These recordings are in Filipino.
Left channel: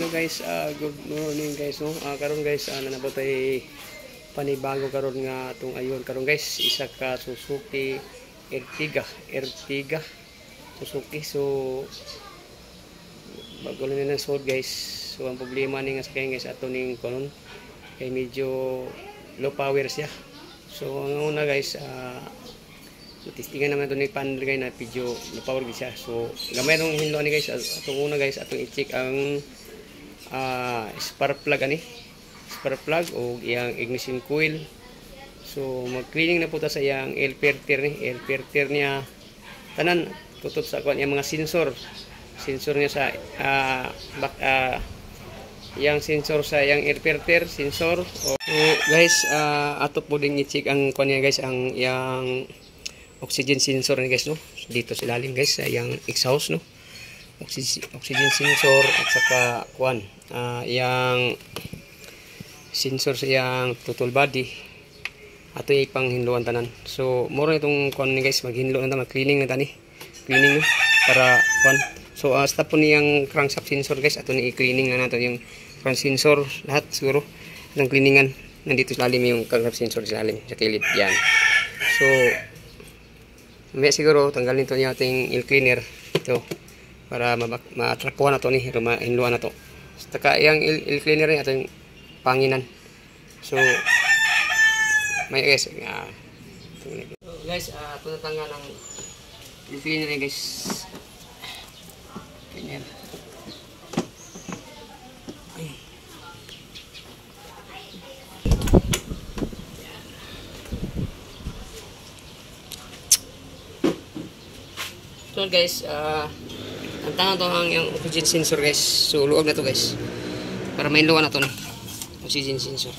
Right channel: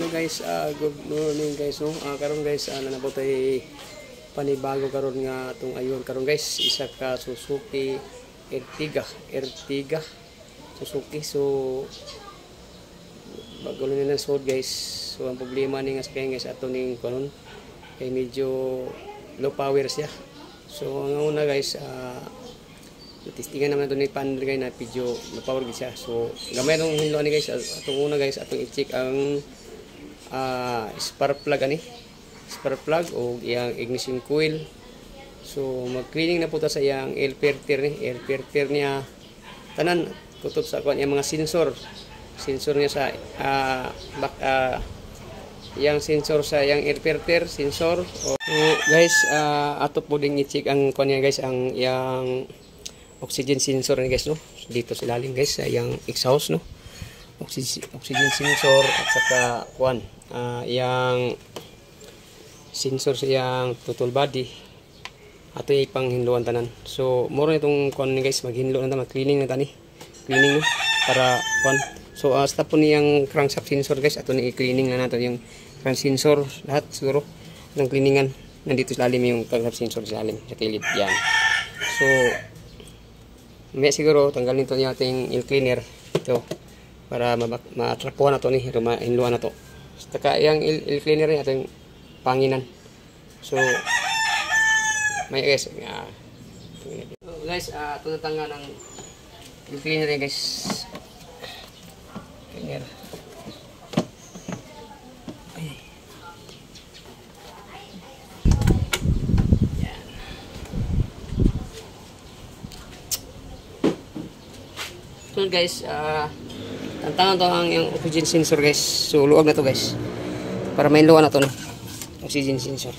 Hello guys, good morning guys no. Karon guys, nanabot ay panibago karon nga atong ayon karon guys, isa ka Suzuki Ertiga Suzuki. So bago lang na sod guys. So ang problema ni nga sakyan guys ato ning karon kay medyo low power siya. So ang una guys, testingan naman ito ni panel guys na medyo low power siya. So gamay itong hinloan ni guys. Atong una guys, atong i-check ang spark plug spark plug o iyang ignition coil. So mag-cleaning na po ta sa iyang air filter niya tanan kutob sa kuan iyang mga sensor niya sa iyang sensor sa iyang air filter sensor. So guys, ato po ding i-check ang kuan niya guys, ang iyang oxygen sensor ni guys no, dito sa ilalim guys sa iyang exhaust no, oxygen sensor at saka kuan yang sensor sa yang throttle body ato ipang hinluan tanan. So moro itong kuan ni guys, maghinlo na ta, mag-cleaning na tani, cleaning no para kuan. So stop po niyang crankshaft sensor guys, ato ni i-cleaning na nato yung crank sensor lahat siguro ng cleaningan. Nandito sa lalim yung crankshaft sensor sa lalim sa kilid yan. So may siguro tanggalin to niya ating air cleaner ito para matrapuan na to ni hinluan na to. Taka yang air cleaner niya ating panginan. So may guys, guys, ito natanggal ng air cleaner niya guys. Cleaner. Ay. So guys, tantangan to ang yung oxygen sensor guys. So luwag na to guys para mainluan na to no oxygen sensor.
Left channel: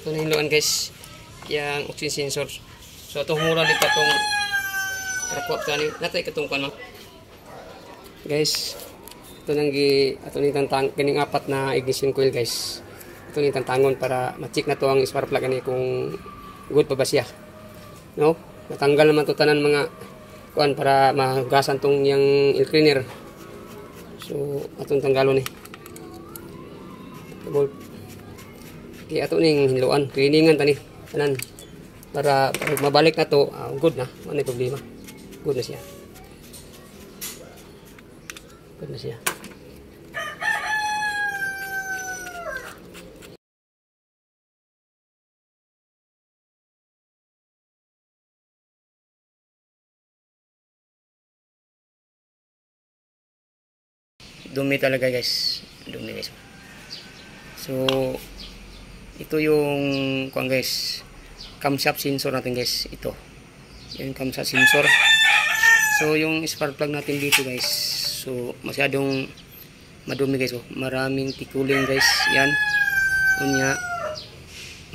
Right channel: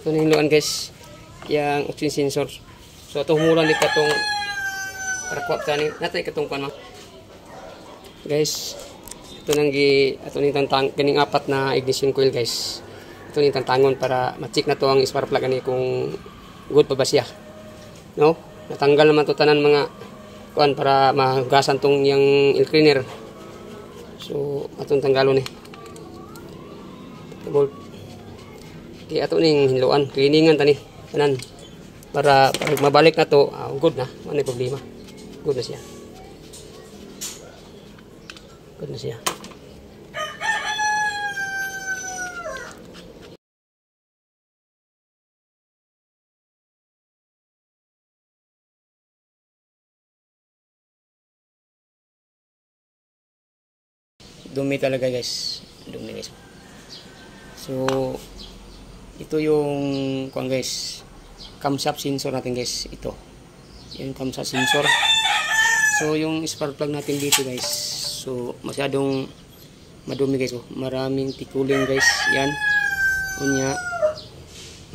Ito na hinluan guys yung oxygen sensor. So ito mura di pa itong rakwap tani natay katong kuan guys. Ito nang ato ni tantang kining apat na ignition coil guys. Ito ni tantangon para ma-check na to ang spark plug ani kung good pa ba siya. No? Natanggal naman to tanan mga kuan para mahugasan tong yang air cleaner. So atong tanggalon ni. Okay, ato ning hinluan, cleaningan tani tanan para pag mabalik na to, good na, ano problema. Good na siya. Good na siya. Dumi talaga guys. Dumi guys. So ito yung kuan guys, camshaft sensor natin guys. Ito. Yung camshaft sensor. So yung spark plug natin dito guys. So masyadong madumi guys. Oh. Maraming tikuling guys. Yan. Unya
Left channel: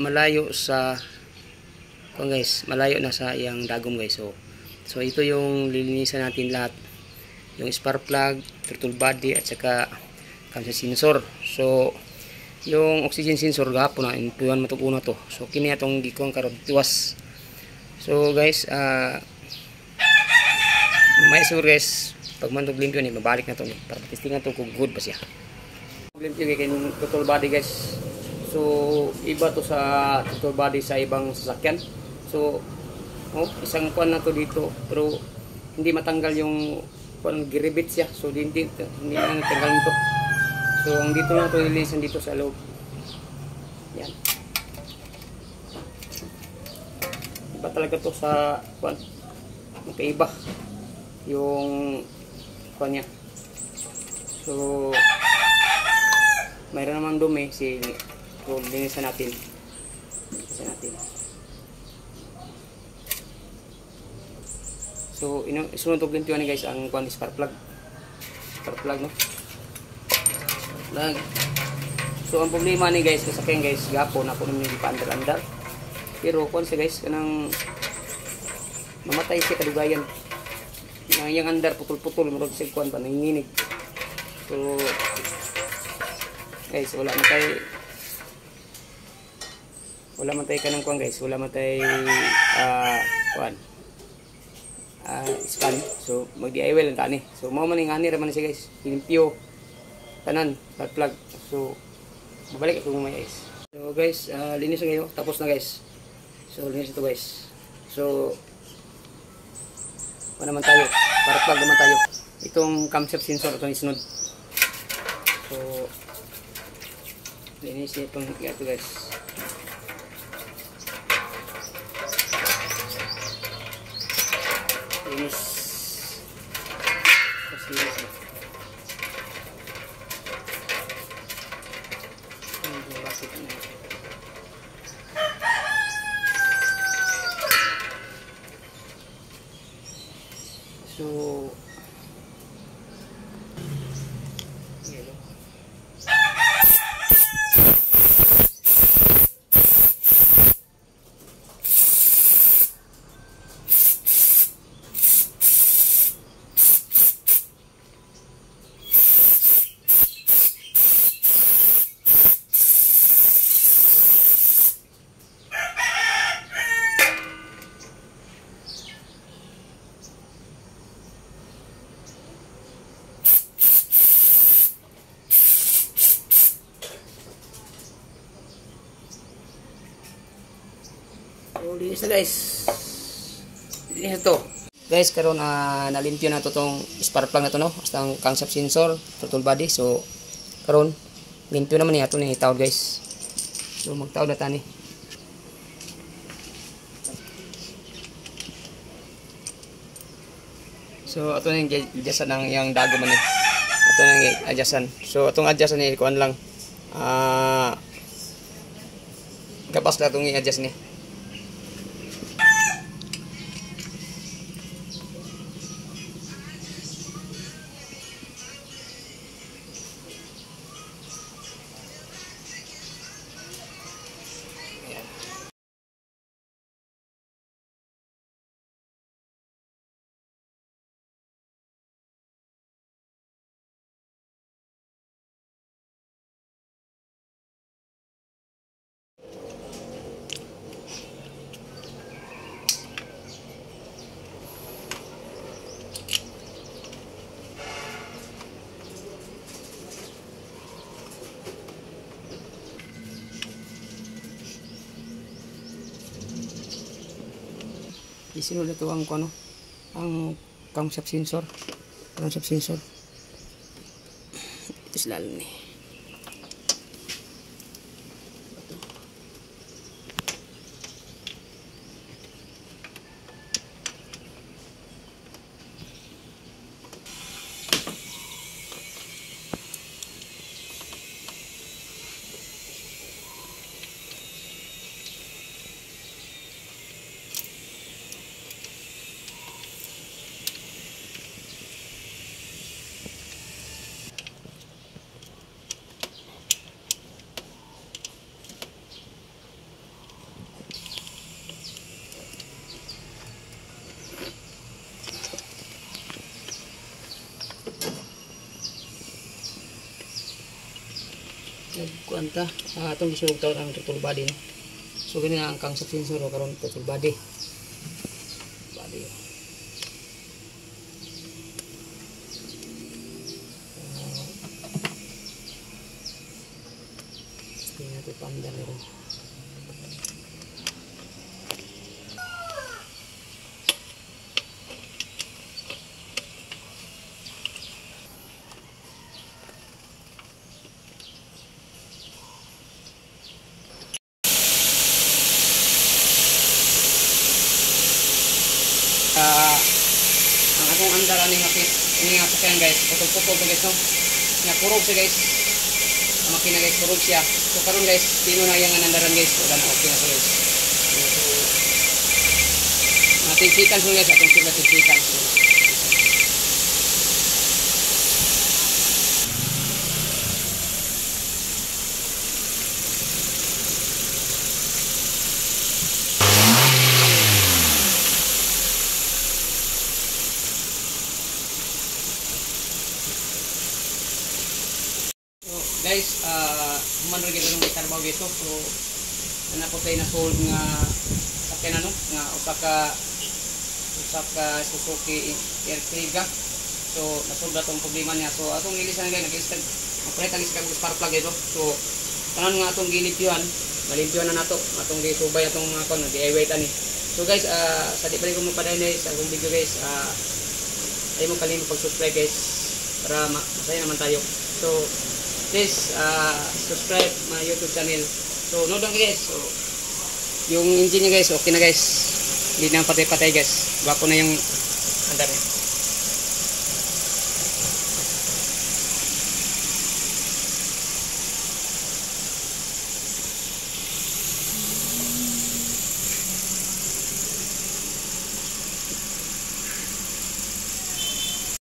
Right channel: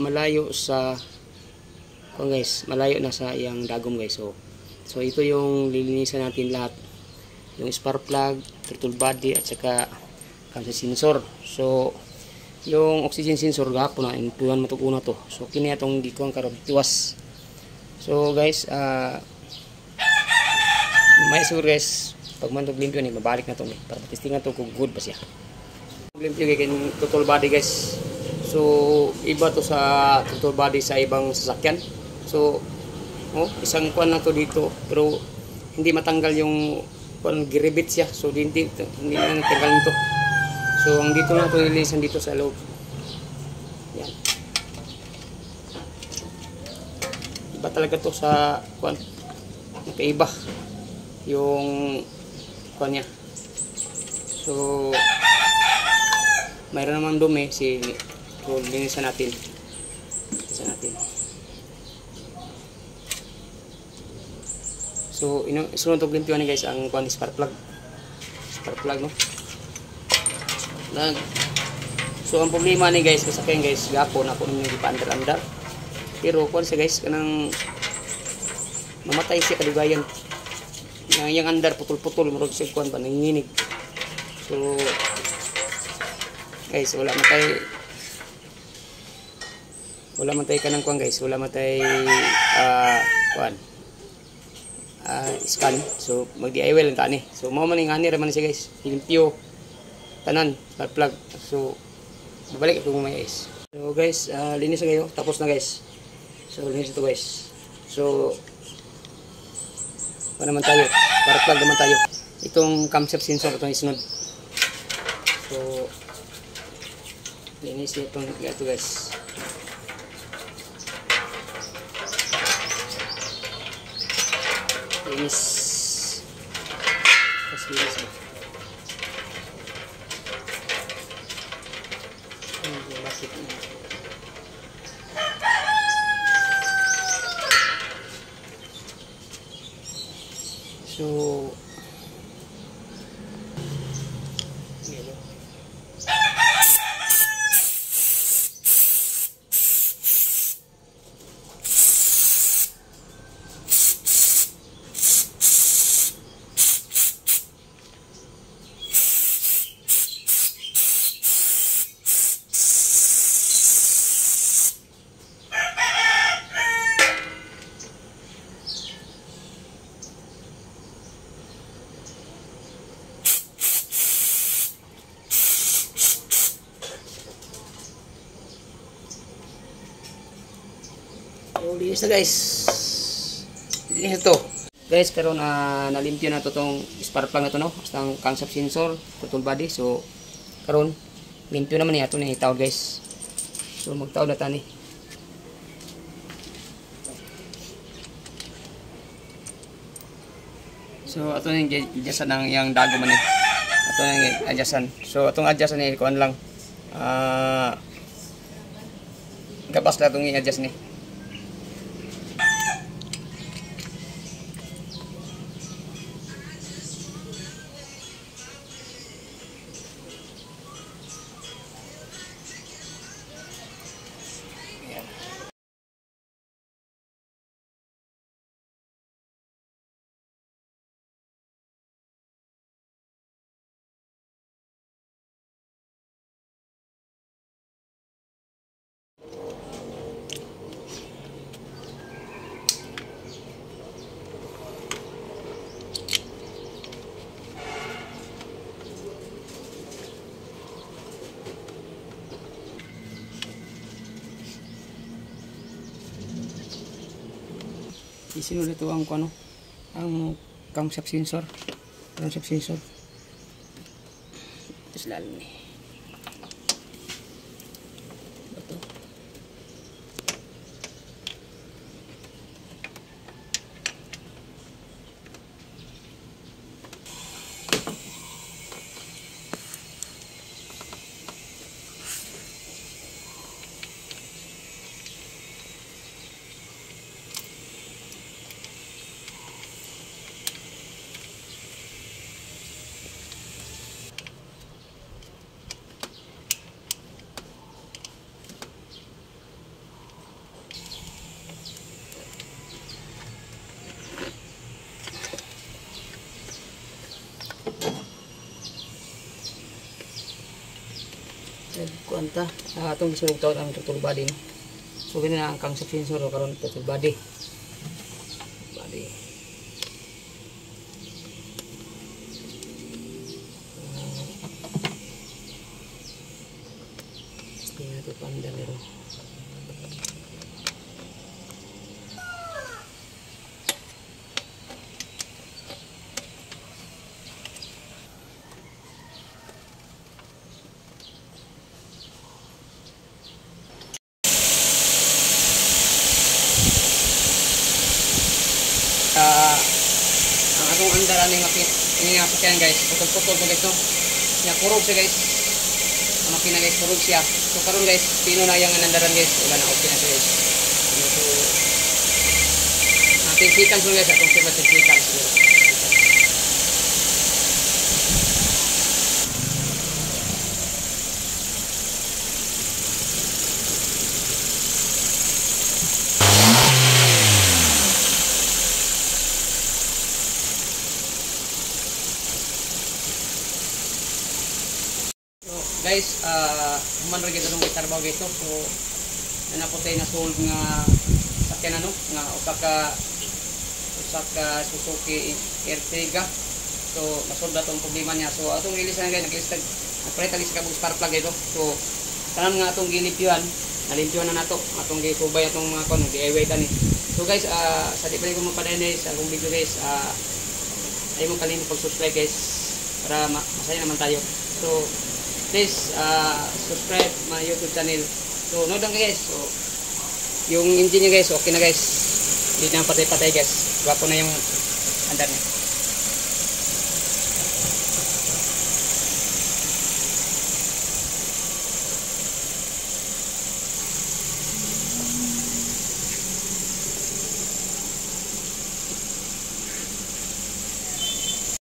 malayo sa kuan guys, malayo na sa yang dagom guys. So ito yung lilinisan natin lahat. Yung spark plug, throttle body at saka camshaft sensor. So yung oxygen sensor gapon na intuan matuguna to. So kini atong gikuan karon tiwas. So guys, may sure guys pag mantog limpyo ni mabalik na to ni para testingan to kung good ba siya. Limpyo kay throttle body guys. So iba to sa throttle body sa ibang sasakyan. So isang kuan na to dito pero hindi matanggal yung kuan giribit siya. So hindi na natanggal nito. So ang dito na to ililisan dito sa loob. Yan. Iba talaga to sa kuan. Magkaiba yung kuan niya. So mayroon naman dumi si linisan natin. Linisan natin. So isunod to limpyo ni guys ang kuan spark plug. Spark plug no. So ang problema ni guys kasakyan guys gapon ako nang hindi pa andar pero kuan siya guys kanang mamatay siya kadugayan yang andar putol-putol murag sig kuan pa nanginginig. So guys, wala man tayo kanang kuan guys, wala man tayo kuan scan. So mag-DIY lang tani. So mao man ning ani ra man siya guys, limpyo tanan plug. So babalik ako mo guys. So guys, linis na kayo, tapos na guys. So linis ito guys. So pa naman tayo, para plug naman tayo. Itong camshaft sensor itong isunod. So linis itong ito guys. Linis. Tapos linis ba? Bakit na? So linis na guys. Linis ito. Guys, karon nalimpyo na to tong spark plug na to no. Basta ang camshaft sensor, throttle body. So karon limpyo naman niya to ni tawod guys. So magtawod na tani. So ato nang adjustan ng yang dago man ni. Ato nang adjustan. So atong adjustan ni kuan lang. Kapas na itong i-adjust ni. Isinul ito ang ano, ang camshaft sensor. Camshaft sensor. Ito sila ni. Ito. Nagkuanta sa atong gisulog taon ang throttle body no. So ganun na ang camshaft sensor o karon throttle body. Tingnan ko panda meron. Ang atong andaran ng nga sakyan guys, putol-putol to guys no. Nya kurog siya guys. Ang makina guys kurog siya. So karon guys, pino na yang andaran guys. Wala na okay na siya. So pinsikan so guys, atong pinsikan so. guys, human rin gito nung itarbaw gito. So, na po tayo na-sold nga sakyan ano, nga Osaka Suzuki Ertiga. So, na-sold na itong problema niya. So, atong ilis na guys, nagpalit ang isa kabog spark plug ito. So, tanan nga atong gilimpyuhan, nalimpyuhan na nato, atong gisubay atong mga kon, di-away tani. So guys, sa di pa rin ko mapadayon guys, ang video guys, ay mo kalimut pag-subscribe guys, para masaya naman tayo. So, please, subscribe my YouTube channel. So, nood lang guys. So, yung engine niya guys, okay na guys. Hindi na patay-patay guys. Gwapo na yung andar niya.